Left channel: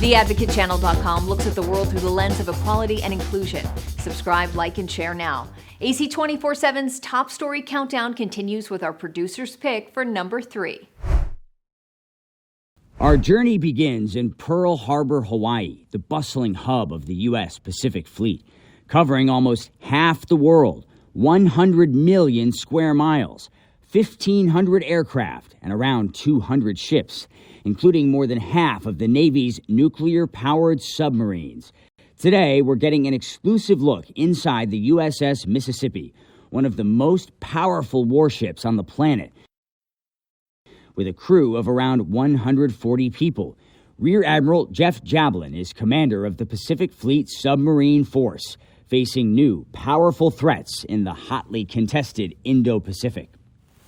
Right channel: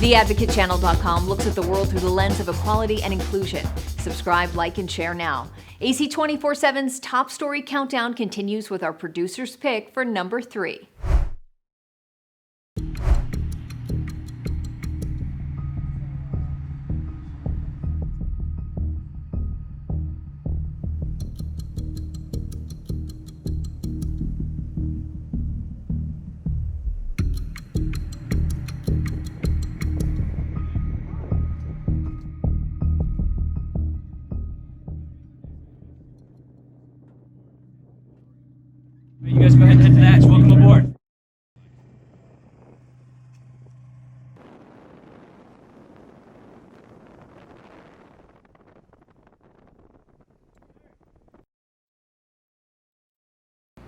TheAdvocateChannel.com looks at the world through the lens of equality and inclusion. Subscribe, like, and share now. AC 24/7's top story countdown continues with our producer's pick for number 3. Our journey begins in Pearl Harbor, Hawaii, the bustling hub of the U.S. Pacific Fleet, covering almost half the world, 100 million square miles, 1,500 aircraft, and around 200 ships, including more than half of the Navy's nuclear-powered submarines. Today, we're getting an exclusive look inside the USS Mississippi, one of the most powerful warships on the planet. You guys go ahead and head to the hatch. Welcome aboard. With a crew of around 140 people. Rear Admiral Jeff Jablin is commander of the Pacific Fleet Submarine Force, facing new, powerful threats in the hotly contested Indo-Pacific.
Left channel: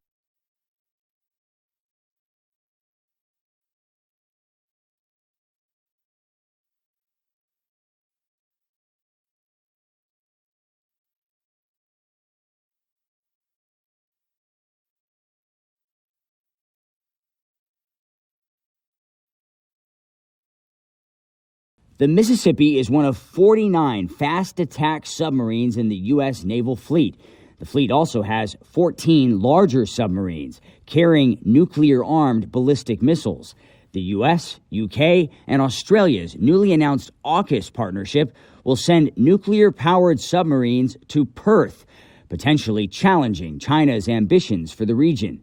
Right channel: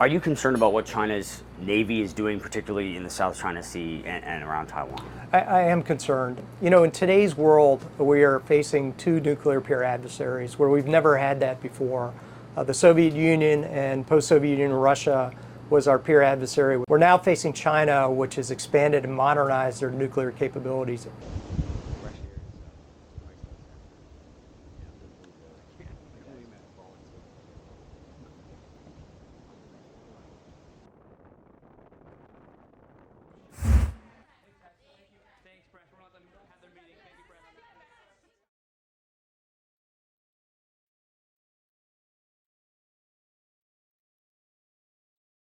Are you concerned about what China's Navy is doing, particularly in the South China Sea and around Taiwan? I am concerned. You know, in today's world, we are facing two nuclear peer adversaries where we've never had that before. The Soviet Union and post-Soviet Union Russia was our peer adversary. We're now facing China, which has expanded and modernized their nuclear capabilities. The Mississippi is one of 49 fast attack submarines in the U.S. naval fleet. The fleet also has 14 larger submarines carrying nuclear-armed ballistic missiles. The U.S., U.K., and Australia's newly announced AUKUS partnership will send nuclear-powered submarines to Perth, potentially challenging China's ambitions for the region.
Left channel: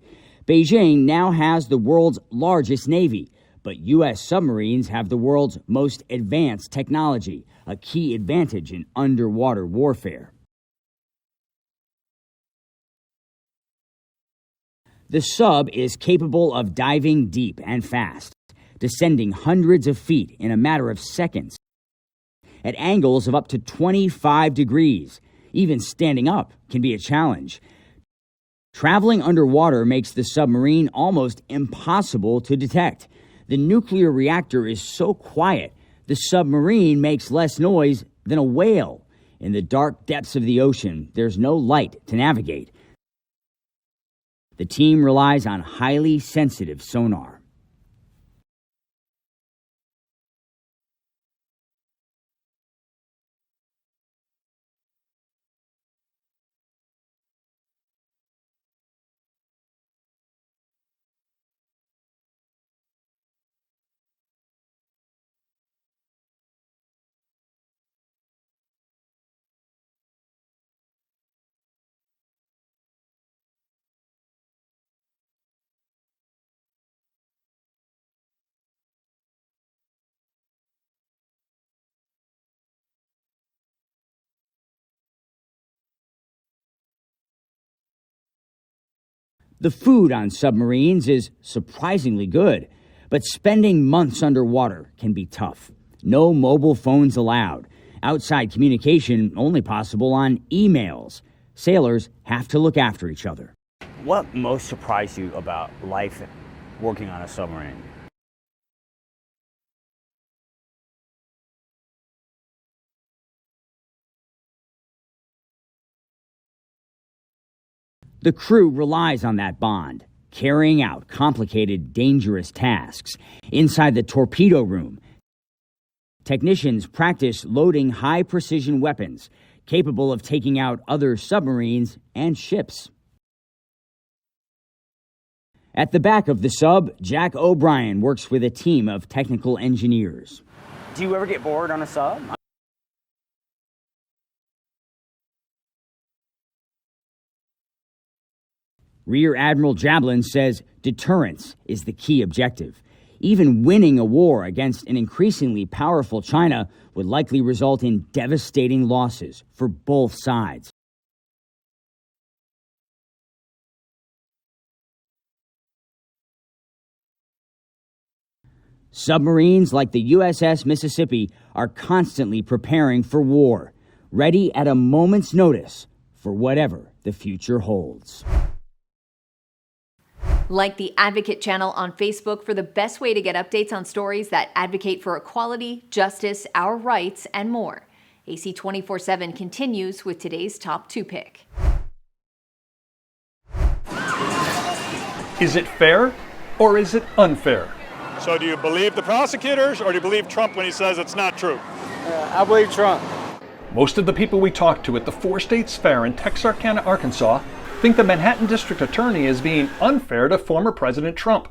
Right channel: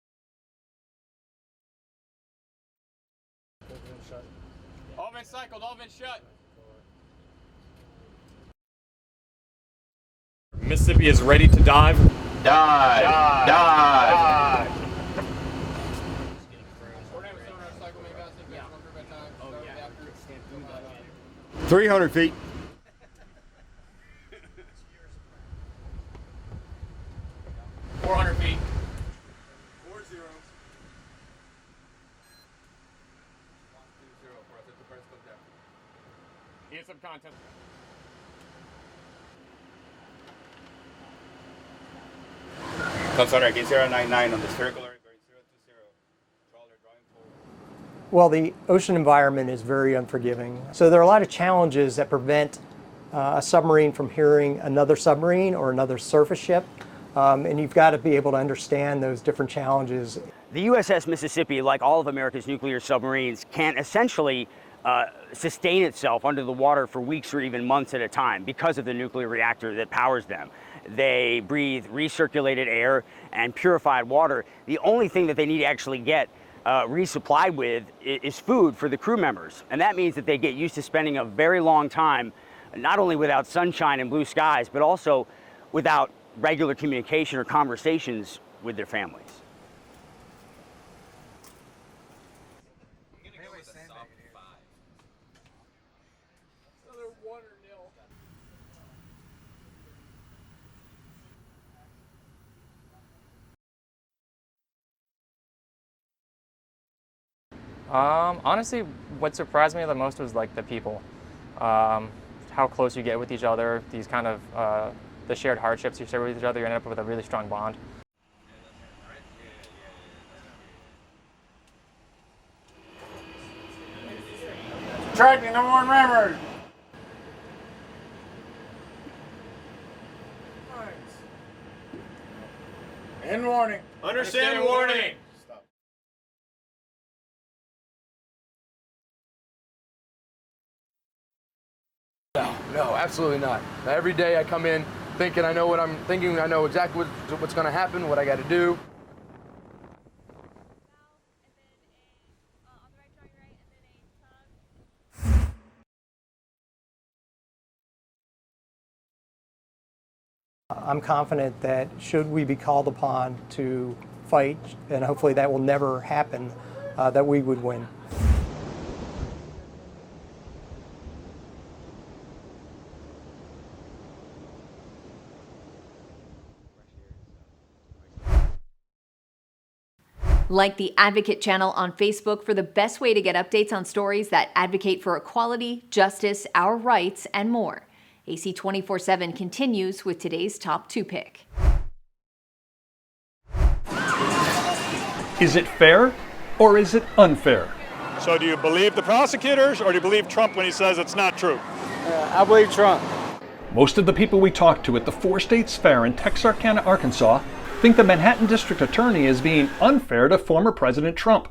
Beijing now has the world's largest navy, but U.S. submarines have the world's most advanced technology, a key advantage in underwater warfare. Mississippi is ready to dive. Dive! Dive! The sub is capable of diving deep and fast, descending hundreds of feet in a matter of seconds. 300 feet. At angles of up to 25 degrees. Even standing up can be a challenge. 400 feet. Traveling underwater makes the submarine almost impossible to detect. The nuclear reactor is so quiet, the submarine makes less noise than a whale. In the dark depths of the ocean, there's no light to navigate. The team relies on highly sensitive sonar. Well, the ocean environment is very unforgiving. So there are a lot of challenges that prevent a submarine from hearing another submarine or another surface ship. And you've got to be able to understand those different challenges. The USS Mississippi, like all of America's nuclear submarines, can essentially sustain itself under the water for weeks or even months at a time because of the nuclear reactor that powers them. They breathe recirculated air and purified water. The only thing that they need to actually get resupplied with is food for the crew members. And that means that they get used to spending a very long time not only without sunshine and blue skies, but also without regular communication or conversations with their families. The food on submarines is surprisingly good, but spending months underwater can be tough. No mobile phones allowed. Outside communication only possible on emails. Sailors have to look after each other. What most surprised you about life working on a submarine? Honestly, what surprised me the most was like the people. How close you get with each other, these kind of the shared hardships you share with each other, you end up with a really strong bond. The crew relies on that bond, carrying out complicated, dangerous tasks. Inside the torpedo room, technicians practice loading high-precision weapons capable of taking out other submarines and ships. End warning. Understand warning. At the back of the sub, Jack O'Brien works with a team of technical engineers. Do you ever get bored on a sub? No, absolutely not. Every day I come in thinking I know what I'm thinking, I know exactly what's going to happen, what I got to do. Rear Admiral Jablin says deterrence is the key objective. Even winning a war against an increasingly powerful China would likely result in devastating losses for both sides. I'm confident that should we be called upon to fight, and hopefully that will never happen, that we would win. Submarines like the USS Mississippi are constantly preparing for war, ready at a moment's notice for whatever the future holds. Like the Advocate channel on Facebook for the best way to get updates on stories that advocate for equality, justice, our rights, and more. AC 24/7 continues with today's top 2 pick. Is it fair or is it unfair? So do you believe the prosecutors, or do you believe Trump when he says it's not true? I believe Trump. Most of the people we talked to at the Four States Fair in Texarkana, Arkansas, think the Manhattan District Attorney is being unfair to former President Trump.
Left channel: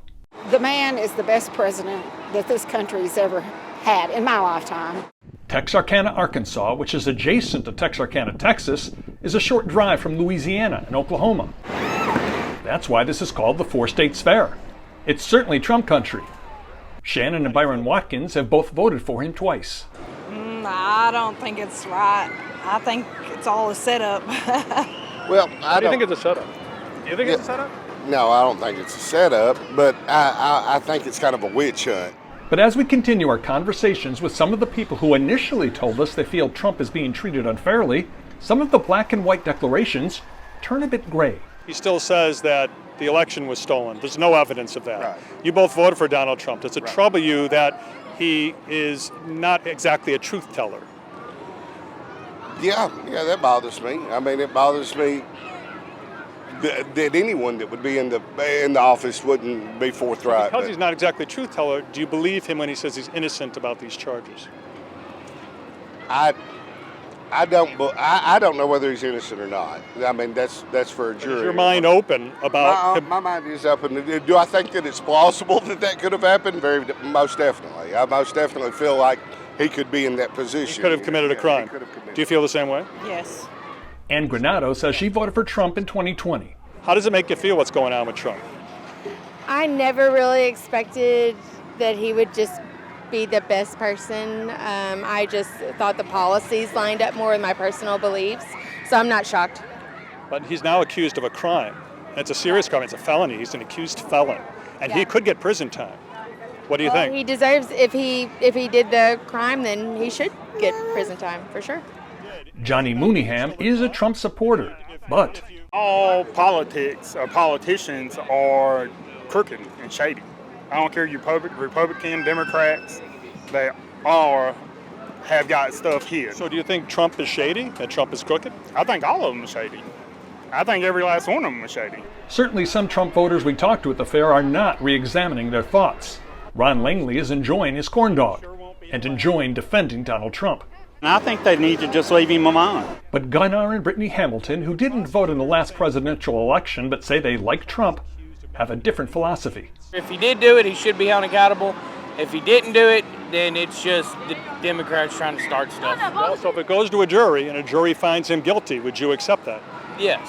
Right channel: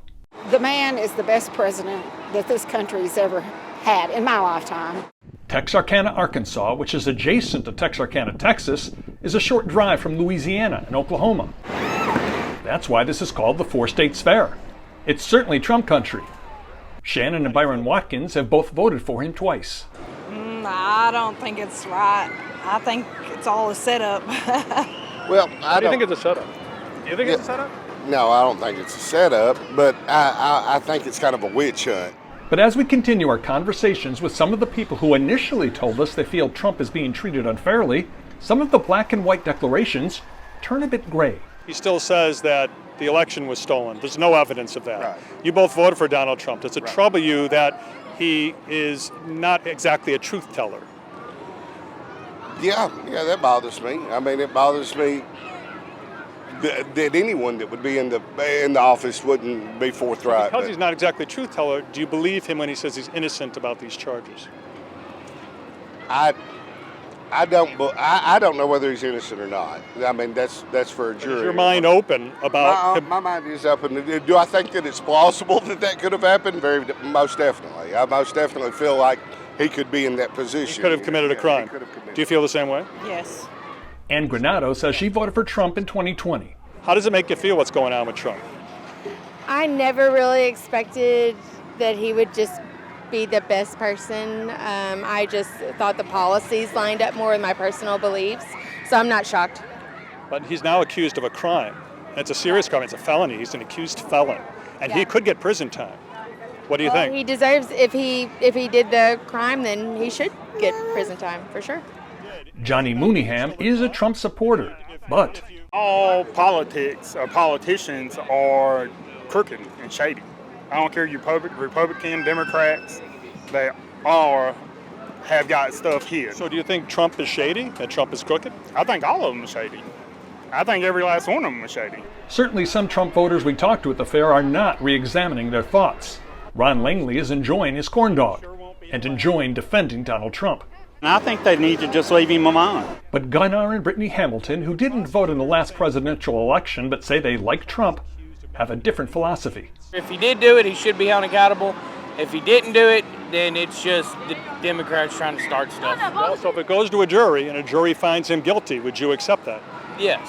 The man is the best president that this country's ever had in my lifetime. Texarkana, Arkansas, which is adjacent to Texarkana, Texas, is a short drive from Louisiana and Oklahoma. That's why this is called the Four States Fair. It's certainly Trump country. Shannon and Byron Watkins have both voted for him twice. I don't think it's right. I think it's all a setup. Well, I don't think it's a setup. Do you think it's a setup? No, I don't think it's a setup, but I think it's kind of a witch hunt. But as we continue our conversations with some of the people who initially told us they feel Trump is being treated unfairly, some of the black and white declarations turn a bit gray. He still says that the election was stolen. There's no evidence of that. Right. You both voted for Donald Trump. Does it trouble you that he is not exactly a truth teller? Yeah, that bothers me. I mean, it bothers me that anyone that would be in the office wouldn't be forthright. Because he's not exactly a truth teller, do you believe him when he says he's innocent about these charges? I don't know whether he's innocent or not. I mean, that's for a jury. Is your mind open about him? My mind is open. Do I think that it's plausible that could have happened? Most definitely. I most definitely feel like he could be in that position. He could have committed a crime. Do you feel the same way? Yes. Ann Granado says she voted for Trump in 2020. How does it make you feel what's going on with Trump? I never really expected that he would just be the best person. I just thought the policies lined up more with my personal beliefs, so I'm not shocked. But he's now accused of a crime. And it's a serious crime. It's a felony. He's an accused felon. And he could get prison time. What do you think? He deserves, if he did the crime, then he should get prison time, for sure. Johnny Mooneyham is a Trump supporter, but all politics or politicians are crooked and shady. I don't care you Republican, Democrats, they all have got stuff here. So do you think Trump is shady and Trump is crooked? I think all of them are shady. I think every last one of them is shady. certainly some Trump voters we talked to at the fair are not re-examining their thoughts. Ron Langley is enjoying his corn dog and enjoying defending Donald Trump. I think they need to just leave him alone. But Gunnar and Brittany Hamilton, who didn't vote in the last presidential election but say they like Trump, have a different philosophy. If he did do it, he should be held accountable. If he didn't do it, then it's just the Democrats trying to start stuff. Well, so if it goes to a jury and a jury finds him guilty, would you accept that? Yes.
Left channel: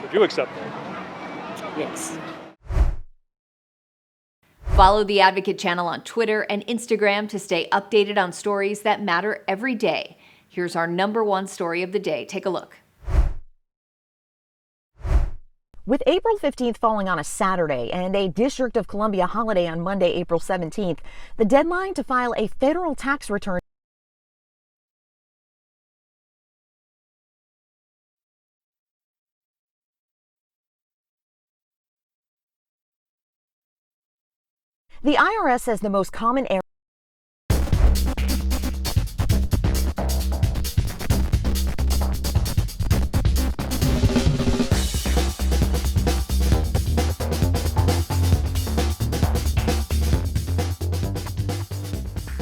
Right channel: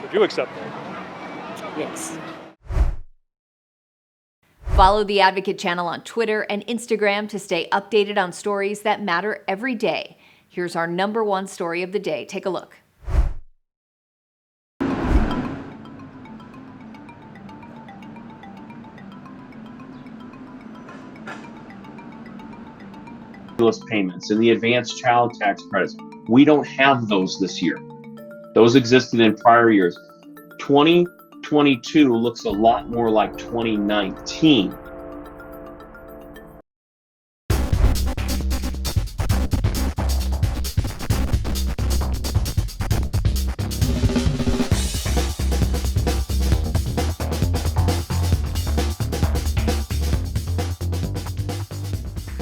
Would you accept that? Yes. Follow the Advocate channel on Twitter and Instagram to stay updated on stories that matter every day. Here's our #1 story of the day. Take a look. With April 15th falling on a Saturday and a District of Columbia holiday on Monday, April 17th, the deadline to file a federal tax return. Stimulus payments and the advanced child tax credits, we don't have those this year. Those existed in prior years. 2022 looks a lot more like 2019. The IRS says the most common error